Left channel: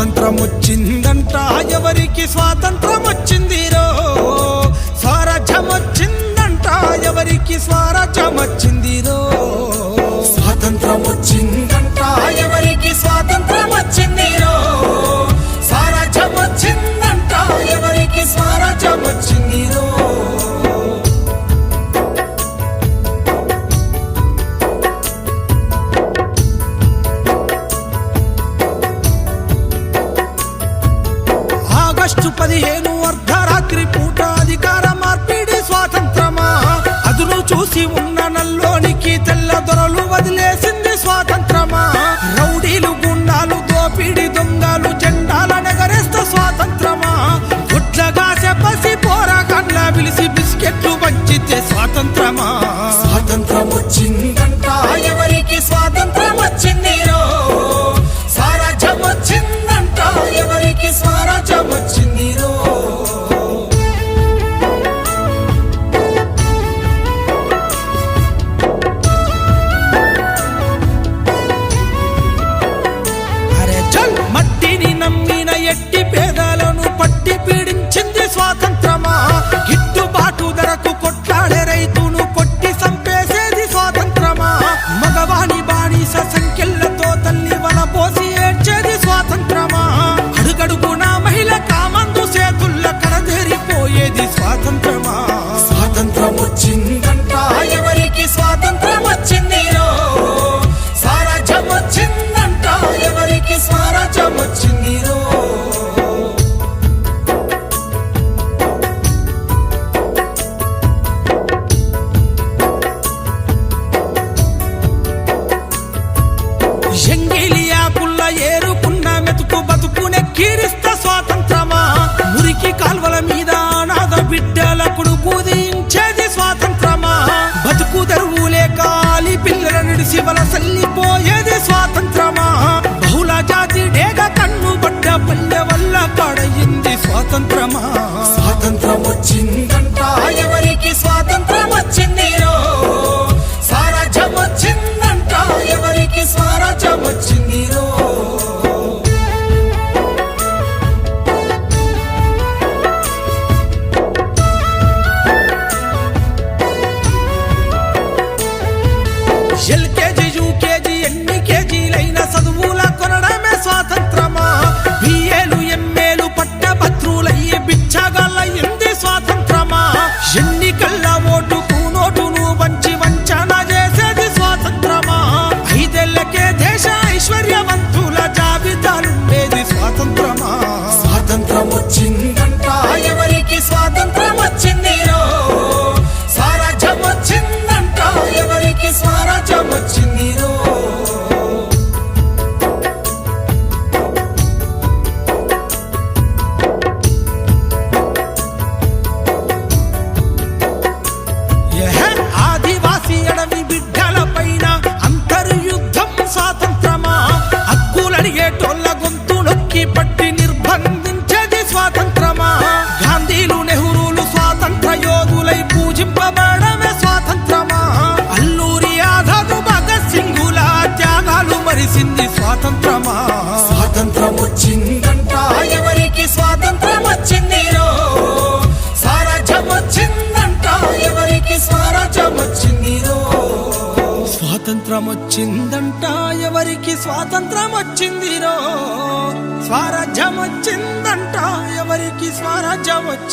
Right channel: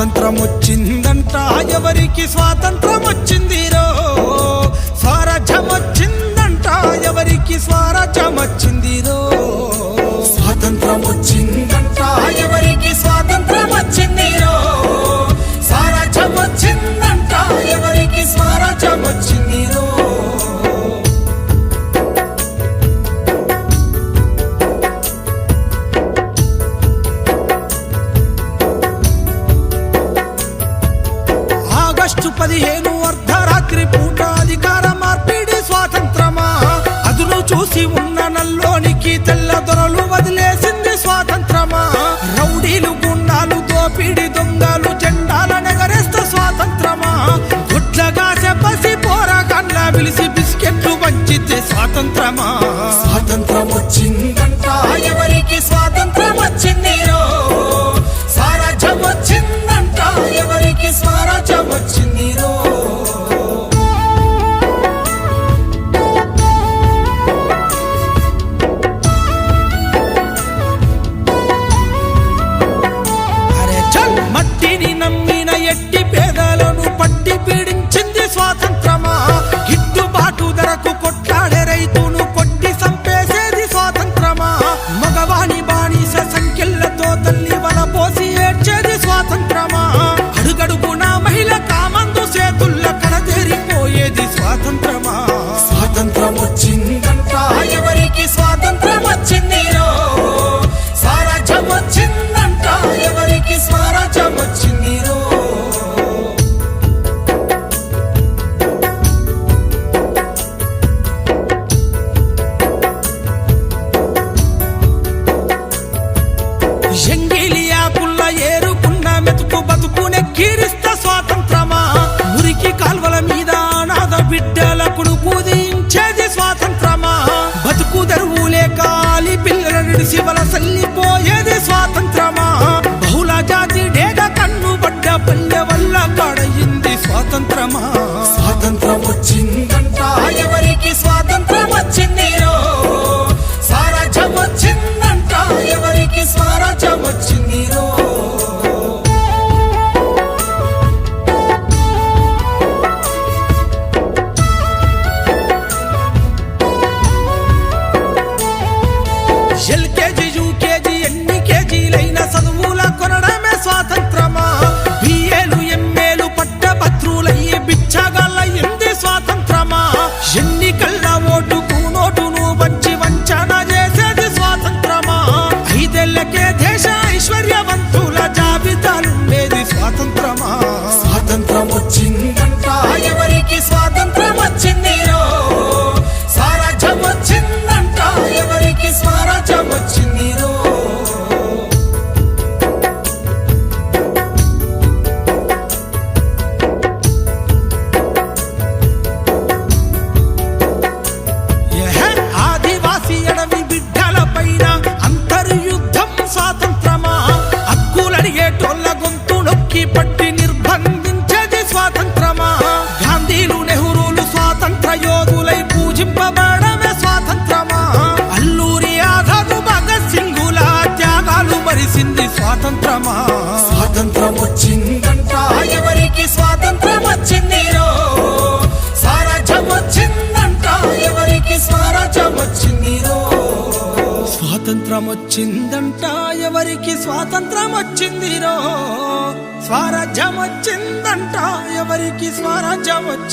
స్వాతంత్రం వచ్చిందంట ఎవరికి స్వాతంత్రం వచ్చిందిరో, స్వరాజ్యం వచ్చిందంట ఎవరికి స్వరాజ్యం వచ్చిందిరో, స్వాతంత్రం వచ్చిందంట ఎవరికి స్వాతంత్రం వచ్చిందిరో, స్వరాజ్యం వచ్చిందంట ఎవరికి స్వరాజ్యం వచ్చిందిరో. ఆగస్టు 15 అర్ధరాత్రి పూట అధికార మార్పిడి స్వాతంత్రమా, అదును చూసి ఉన్న నల్లోనికి తెల్ల దొరలు వదిలేసింది స్వాతంత్రమా. రౌడీలు గుండాలు దోపిడి దొంగలు జెండాల నెగరేస్త స్వాతంత్రమా. గుడ్లగా చెప్పసి పోరాగాన్ల పిలిచి బిస్కెట్లు పంచితే స్వాతంత్రమా. స్వాతంత్రం వచ్చిందంట ఎవరికి స్వాతంత్రం వచ్చిందిరో, స్వరాజ్యం వచ్చిందంట ఎవరికి స్వరాజ్యం వచ్చిందిరో. మట్టిని నమ్మిన ఎట్టి పేదలను పట్టి పీడించింది స్వాతంత్రమా. గిట్టుబాటు ధరకు కొట్లాడే రైతును కొట్టి సంపేసేది స్వాతంత్రమా. మగవాణి బానిస సంఖ్యలతో తల్లి వల పోసి ఏడ్చేది స్వాతంత్రమా. అడుగడుగున మహిళ కామందు చేతుల్ల కడదేరిపోయేది స్వాతంత్రమా. స్వాతంత్రం వచ్చిందంట ఎవరికి స్వాతంత్రం వచ్చిందిరో, స్వరాజ్యం వచ్చిందంట ఎవరికి స్వరాజ్యం వచ్చిందిరో. ఎంగిలియాకుల్ల ఏరుకున్న మెతుకు బతుకునే కీరిస్త స్వాతంత్రమా. మురికి కాల్వల మీద అనాథ బిడ్డలకు పూజించేది స్వాతంత్రమా. బతుకు తెరువు లేక ఆలి పిల్లల నిడిసి వలసల్లిపోయేది స్వాతంత్రమా. బహుళ జాతి డేగ కన్ను బట్ట పల్లె వల్ల కాడయింది స్వాతంత్రమా. స్వాతంత్రం వచ్చిందంట ఎవరికి స్వాతంత్రం వచ్చిందిరో, స్వరాజ్యం వచ్చిందంట ఎవరికి స్వరాజ్యం వచ్చిందిరో. ఎల్కేజీ యూకేజీ ఎన్ని కేజీలైన చదువుల కొనడమే స్వాతంత్రమా. బిఏలు ఎంఏలు పట్టభద్రులయ్యి బిచ్చగాళ్ళయింది స్వాతంత్రమా. ఎన్నికల్ల ఓటుకు నోటును పంచి వంచన చేసేది స్వాతంత్రమా. 5 ఏళ్లకే దేశ ఐశ్వర్యవంతుల జాబితాలుండేది స్వాతంత్రమా. స్వాతంత్రం వచ్చిందంట ఎవరికి స్వాతంత్రం వచ్చిందిరో, స్వరాజ్యం వచ్చిందంట ఎవరికి స్వరాజ్యం వచ్చిందిరో. ఆదివాసీ అడవి బిడ్డల పైన అంతర్యుద్ధం స్వాతంత్రమా. హక్కులడిగేటోళ్ళ గొంతు నొక్కి పట్టి నిర్బంధించేది స్వాతంత్రమా. గాంధీలు నెహ్రూలు స్వాతంత్ర యోధులై పూజింపబడమే స్వాతంత్రమా. అల్లూరి ఆజాద్ భగత్ సింగుల త్యాగాలు మరిసింది స్వాతంత్రమా. స్వాతంత్రం వచ్చిందంట ఎవరికి స్వాతంత్రం వచ్చిందిరో, స్వరాజ్యం వచ్చిందంట ఎవరికి స్వరాజ్యం వచ్చిందిరో. స్వాతంత్రం వచ్చిందంట ఎవరికి స్వాతంత్రం వచ్చిందిరో, స్వరాజ్యం వచ్చిందంట ఎవరికి స్వరాజ్యం వచ్చింది.